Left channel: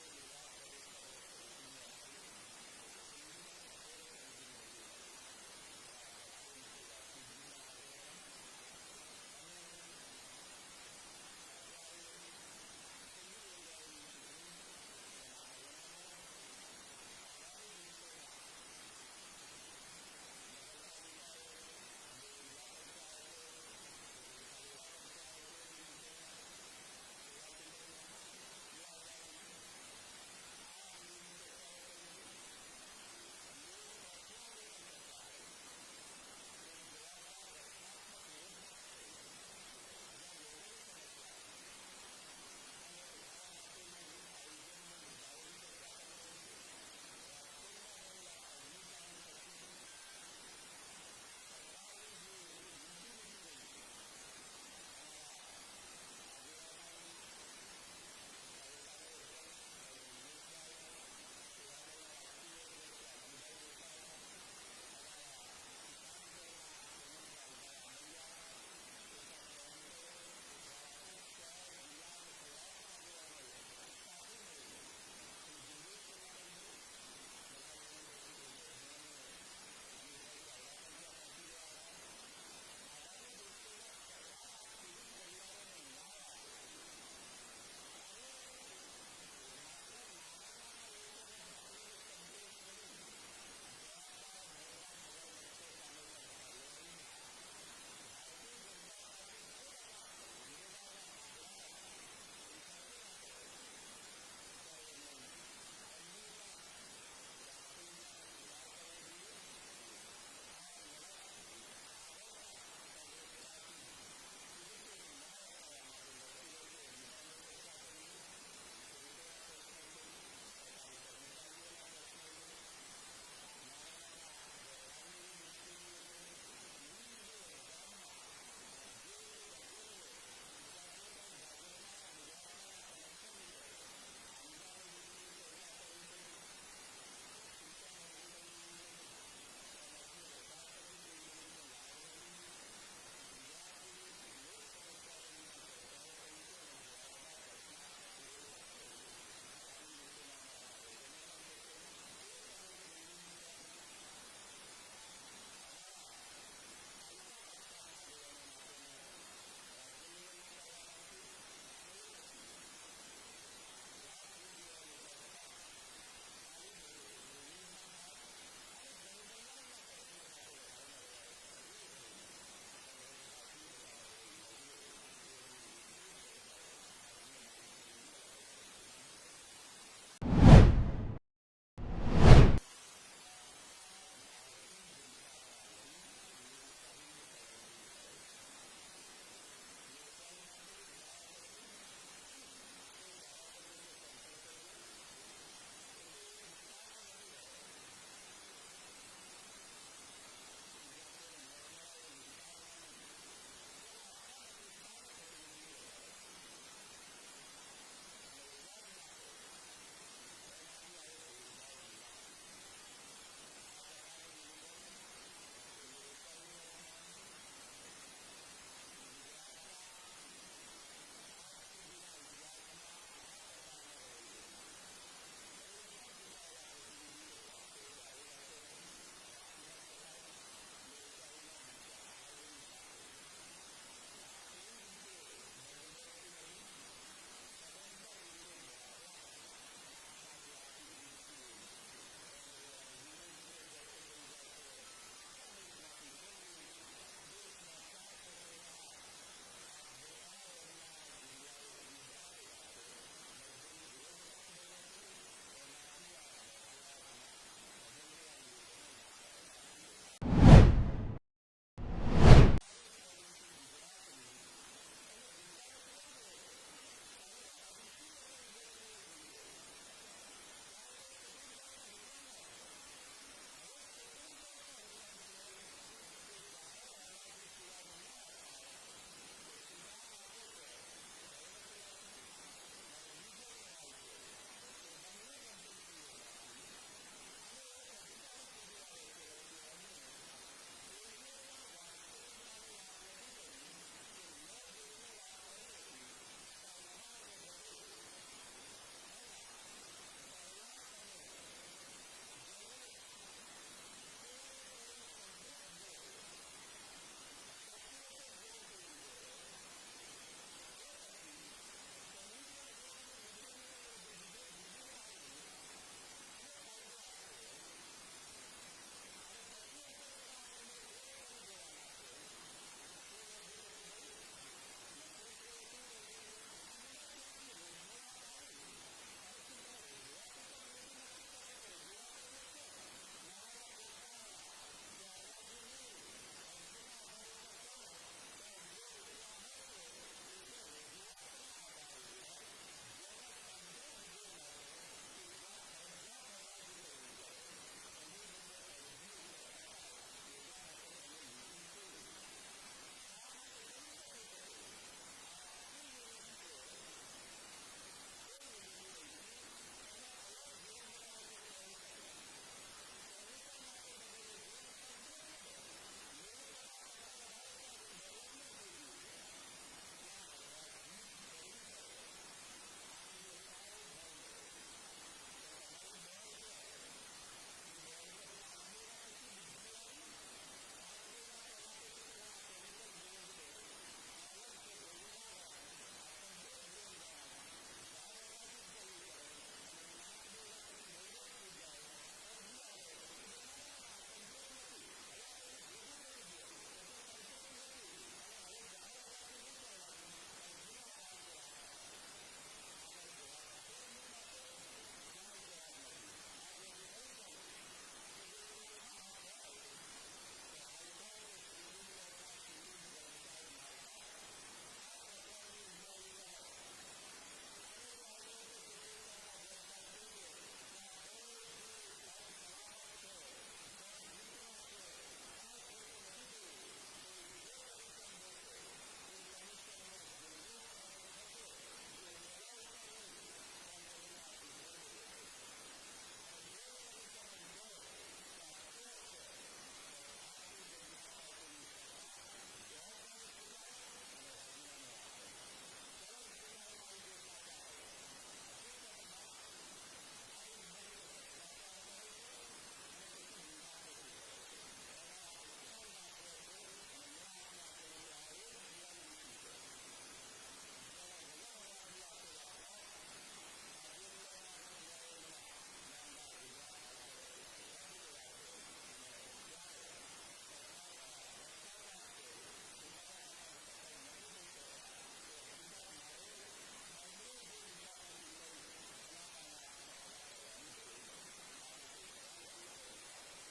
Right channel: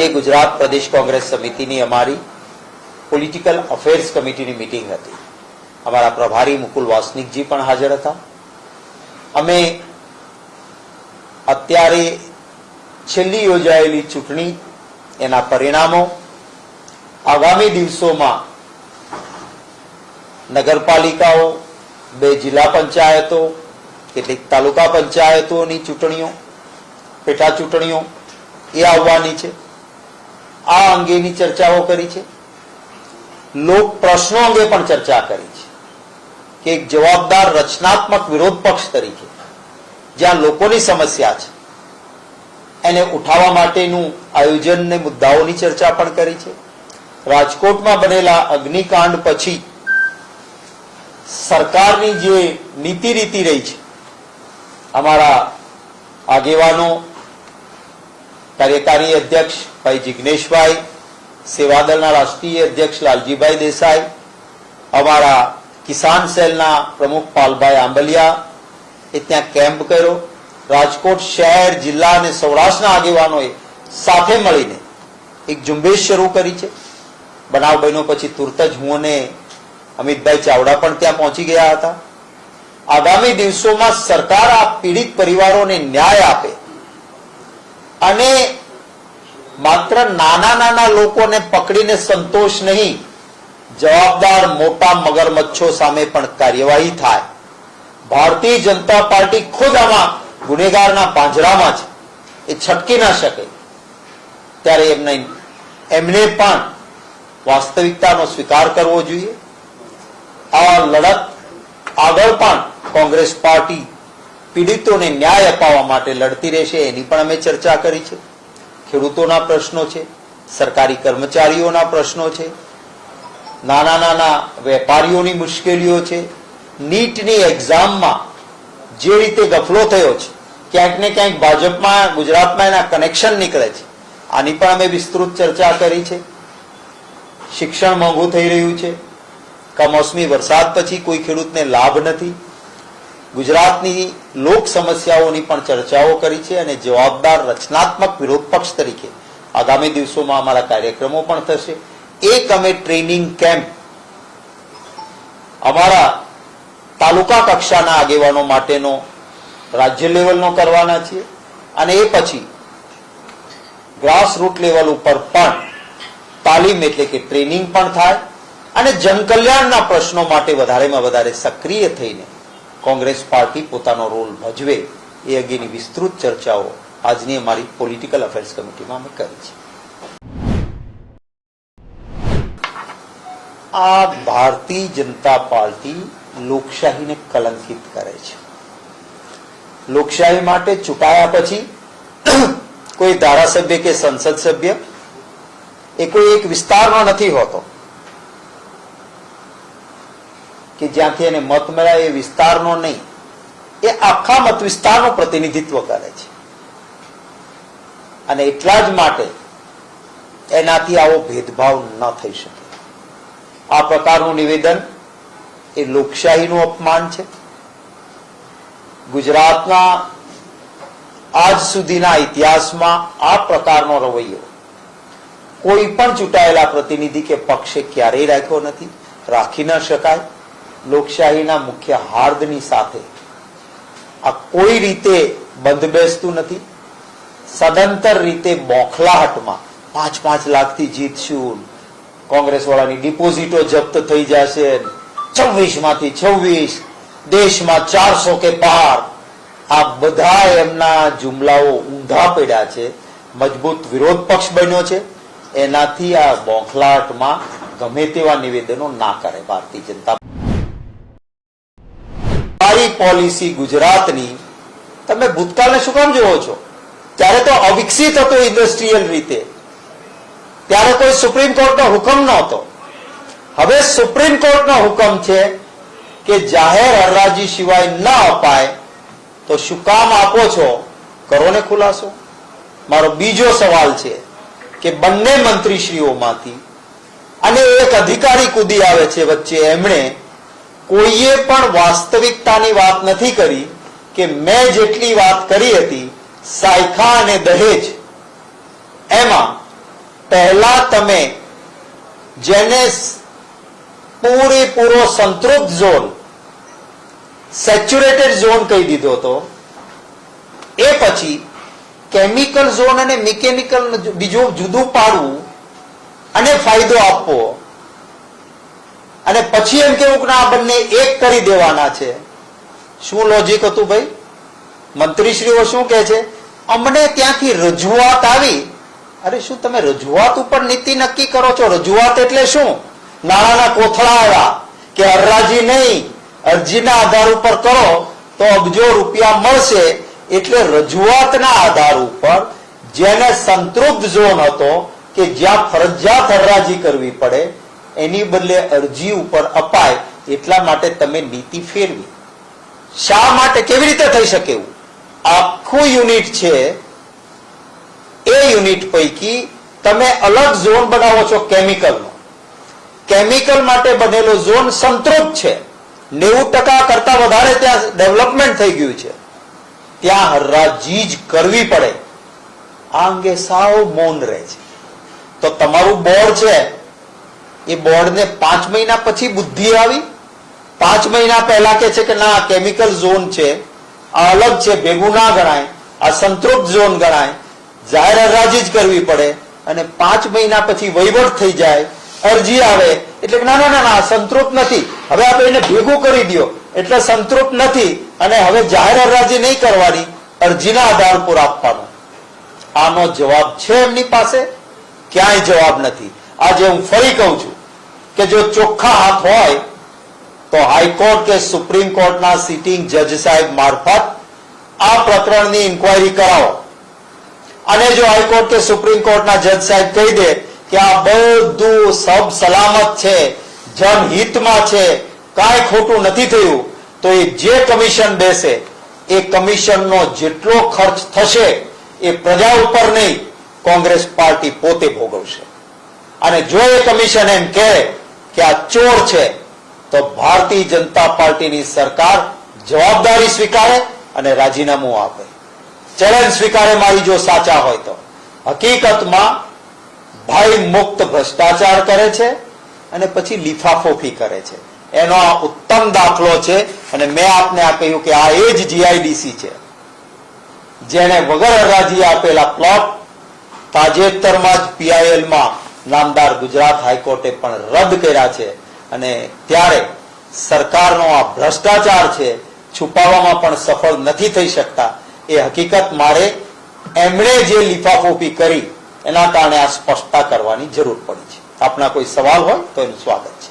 આજે ગુજરાત પ્રદેશ કોંગ્રેસ સમિતિની અમારી પોલિટિકલ અફેર્સ કમિટીની મીટિંગ હતી. અમારા પ્રભારી મુકુલ વાસનિકજી પણ હાજર હતા. અમે અત્યારે છેલ્લી યોજાયેલી ચૂંટણી, એના પરિણામો, આગામી દિવસોમાં નગરપાલિકાઓ, 2 જિલ્લા પંચાયતો, કેટલીક તાલુકા પંચાયતોની ચૂંટણીઓ, પેટા ચૂંટણીઓ એ આવવાની છે. આ અંગેની ચર્ચાઓ કરી છે. લોક પ્રશ્નો અંગે પણ ચર્ચા કરી છે કે એક જવાબદાર રચનાત્મક વિરોધ પક્ષ તરીકે જ્યાં લોકોની સમસ્યા છે એને ઉઠાવવા માટેનું આયોજન ને મુદ્દાઓની ચર્ચા પણ કરી છે. રાજકોટમાં બનેલા અગ્નિકાંડ પછી સરકારની જે નીતિ રીતિ રહી છે, અમારા આગેવાનો, કાર્યકારી અધ્યક્ષ ભાઈ જિગ્નેશભાઈ, સેવાદળના રાષ્ટ્રીય અધ્યક્ષ લાલજીભાઈ દેસાઈ, અમારા કિસાન સેલના પ્રમુખ પાલભાઈ આંબલિયા એ ત્યાં કેમ્પ કર્યો. રાજકોટ શહેર, જિલ્લા અને સૌરાષ્ટ્રના આગેવાનોએ સાથે મળીને એક ઝુંબેશ શરૂ કરી છે. બનાવ બન્યો પછી તુરત જ હું અને અમિતભાઈ ચાવડા પણ ત્યાં પહોંચી ગયા હતા. આગામી દિવસોમાં સરકાર આ પીડિત પરિવારોને ન્યાય આપે અને માત્ર નાના નાના લોકોને પકડીને સંતોષ નહીં, જવાબદાર મોટા મગરમચ્છો સામે પણ કાર્યવાહી થાય. ભારતીય જનતા પાર્ટી ખુદ આમાં ગુનેગારના પાંજરામાં છે, એ છટકી ના શકે. ત્યારે એમને પણ વાસ્તવિકતાનો સ્વીકાર કરવો જોઈએ. આ લડત આગળ પણ કોંગ્રેસ પાર્ટી પીડિતોને ન્યાય અપાવવા માટે લડતી રહેશે, એની પણ અમે ચર્ચા કરી છે. ખેડૂતોના પ્રશ્નો છે, સરકારી કર્મચારીઓના પ્રશ્નો છે, નાના નાના વેપારીઓની મુશ્કેલીઓ છે. નીટની એક્ઝામમાં જે રીતે ગફલો થયો છે, ક્યાંક ને ક્યાંક ભાજપમાં, ગુજરાતમાં એના કનેક્શન નીકળે છે. આની પણ અમે વિસ્તૃત ચર્ચા કરી છે. શિક્ષણ મોંઘું થઈ રહ્યું છે. કમોસમી વરસાદ પછી કોઈ ખેડૂતને લાભ નથી. ગુજરાતની લોક સમસ્યાઓની પણ ચર્ચાઓ કરી છે અને જવાબદાર રચનાત્મક વિરોધ પક્ષ તરીકે આગામી દિવસોમાં અમારા કાર્યક્રમો પણ થશે. એક અમે ટ્રેનિંગ કેમ્પ અમારા તાલુકા કક્ષાના આગેવાનો માટેનો રાજ્ય લેવલનો કરવાના છીએ અને એ પછી ગ્રાસ રૂટ લેવલ ઉપર પણ તાલીમ એટલે કે ટ્રેનિંગ પણ થાય અને જનકલ્યાણના પ્રશ્નો માટે વધારેમાં વધારે સક્રિય થઈને કોંગ્રેસ પાર્ટી પોતાનો રોલ ભજવે એ અંગેની વિસ્તૃત ચર્ચાઓ આજની અમારી પોલિટિકલ અફેર્સ કમિટીમાં અમે કરી છે. આ ભારતીય જનતા પાર્ટી લોકશાહીને કલંકિત કરે છે. લોકશાહી માટે ચૂંટાયા પછી કોઈ ધારાસભ્ય કે સંસદ સભ્ય એ કોઈ એક વિસ્તારનો નથી હોતો કે જ્યાંથી એને મત મળ્યા, એ વિસ્તારનો નહીં, એ આખા મત વિસ્તારનું પ્રતિનિધિત્વ કરે છે. અને એટલા જ માટે એનાથી આવો ભેદભાવ ન થઈ શકે. આ પ્રકારનું નિવેદન એ લોકશાહીનું અપમાન છે. ગુજરાતના આજ સુધીના ઇતિહાસમાં આ પ્રકારનો રવૈયો કોઈ પણ ચૂંટાયેલા પ્રતિનિધિ કે પક્ષે ક્યારેય રાખ્યો નથી, રાખી ન શકાય. લોકશાહીના મુખ્ય હાર્દની સાથે આ કોઈ રીતે બંધ બેસતું નથી. સદંતર રીતે બોખલાહટમાં 5-5 લાખથી જીતશું, કોંગ્રેસ વાળાની ડિપોઝિટો જપ્ત થઈ જશે, 26માંથી 26, દેશમાં 400 કે પાર, આ બધા એમના જુમલાઓ ઊંધા પડ્યા છે. મજબૂત વિરોધ પક્ષ બન્યો છે. એનાથી આ બોખલાહટમાં ગમે તેવા નિવેદનો ના કરે ભારતીય જનતા પોલિસી. ગુજરાતની તમે ભૂતકાળને શું કામ જોવો છો? ત્યારે તો અવિકસિત હતો ઇન્ડસ્ટ્રીયલ રીતે, ત્યારે કોઈ સુપ્રીમ કોર્ટનો હુકમ નહોતો. હવે સુપ્રીમ કોર્ટનો હુકમ છે કે જાહેર હરાજી સિવાય ન અપાય, તો શું કામ આપો છો? કરો ને ખુલાસો. મારો બીજો સવાલ છે કે બંને મંત્રીશ્રીઓમાંથી અને એક અધિકારી કૂદી આવે છે વચ્ચે, એમણે કોઈએ પણ વાસ્તવિકતાની વાત નથી કરી કે મેં જેટલી વાત કરી હતી સાયખા અને દહેજ, એમાં પહેલા તમે જેને પૂરેપૂરો સંતૃપ્ત ઝોન, સેચ્યુરેટેડ ઝોન કહી દીધો હતો, એ પછી કેમિકલ ઝોન અને મિકેનિકલ બીજું જુદું પાડવું અને ફાયદો આપવો, અને પછી એમ કેવું કે આ બંને એક કરી દેવાના છે. શું લોજિક હતું ભાઈ? મંત્રીશ્રીઓ શું કહે છે? અમને ત્યાંથી રજૂઆત આવી. અરે શું તમે રજૂઆત ઉપર નીતિ નક્કી કરો છો? રજૂઆત એટલે શું? નાણાંના કોથળા આવ્યા કે હરાજી નહીં, અરજીના આધાર ઉપર કરો તો અબજો રૂપિયા મળશે. એટલે રજૂઆતના આધાર ઉપર જેને સંતૃપ્ત ઝોન હતો કે જ્યાં ફરજિયાત હરાજી કરવી પડે, એની બદલે અરજી ઉપર અપાય. એટલા માટે તમે નીતિ ફેરવી. શા માટે? કેવી રીતે થઈ શકે એવું? આખું યુનિટ છે, એ યુનિટ પૈકી તમે અલગ ઝોન બનાવો છો કેમિકલનો. કેમિકલ માટે બનેલો ઝોન સંતૃપ્ત છે, 90% કરતા વધારે ત્યાં ડેવલપમેન્ટ થઈ ગયું છે, ત્યાં હરાજી જ કરવી પડે. આ અંગે સાવ મૌન રહે છે. તો તમારું બોર્ડ છે, એ બોર્ડને 5 મહિના પછી બુદ્ધિ આવી? 5 મહિના પહેલા કે છે કે ના કેમિકલ ઝોન છે, આ અલગ છે, ભેગું ના ગણાય, આ સંતૃપ્ત ઝોન ગણાય, જાહેર હરાજી જ કરવી પડે. અને 5 મહિના પછી વહીવટ થઈ જાય, અરજી આવે એટલે ના ના ના ના સંતૃપ્ત નથી, હવે આપણે એને ભેગું કરી દો એટલે સંતૃપ્ત નથી, અને હવે જાહેર હરાજી નહીં કરવાની, અરજીના આધાર પર આપવાનું. આનો જવાબ છે એમની પાસે? ક્યાંય જવાબ નથી. આજે હું ફરી કહું છું કે જો ચોખ્ખા હાથ હોય તો હાઈકોર્ટ કે સુપ્રીમ કોર્ટના સિટિંગ જજ સાહેબ મારફત આ પ્રકરણની ઇન્કવાયરી કરાવો. અને જો હાઈકોર્ટ કે સુપ્રીમ કોર્ટના જજ સાહેબ કહી દે કે આ બધું સબ સલામત છે, જનહિતમાં છે, કાંઈ ખોટું નથી થયું, તો એ જે કમિશન બેસે એ કમિશનનો જેટલો ખર્ચ થશે એ પ્રજા ઉપર નહીં, કોંગ્રેસ પાર્ટી પોતે ભોગવશે. અને જો એ કમિશન એમ કહે કે આ ચોર છે, તો ભારતીય જનતા પાર્ટીની સરકાર જવાબદારી સ્વીકારે અને રાજીનામું આપે. ચેલેન્જ સ્વીકારે મારી જો સાચા હોય તો. હકીકતમાં ભય મુક્ત ભ્રષ્ટાચાર કરે છે અને પછી લીફાફોફી કરે છે. એનો આ ઉત્તમ દાખલો છે. અને મેં આપને આ કહ્યું કે આ એ જ જીઆઈડીસી છે જેને વગર હરાજી આપેલા પ્લોટ તાજેતરમાં જ પીઆઈએલમાં નામદાર ગુજરાત હાઈકોર્ટે પણ રદ કર્યા છે. અને ત્યારે સરકારનો આ ભ્રષ્ટાચાર છે છુપાવવામાં પણ સફળ નથી થઈ શકતા. એ હકીકત મારે એમણે જે લીફાફોફી કરી એના કારણે આ સ્પષ્ટતા કરવાની જરૂર પડી છે. આપના કોઈ સવાલ હોય તો એનું સ્વાગત છે.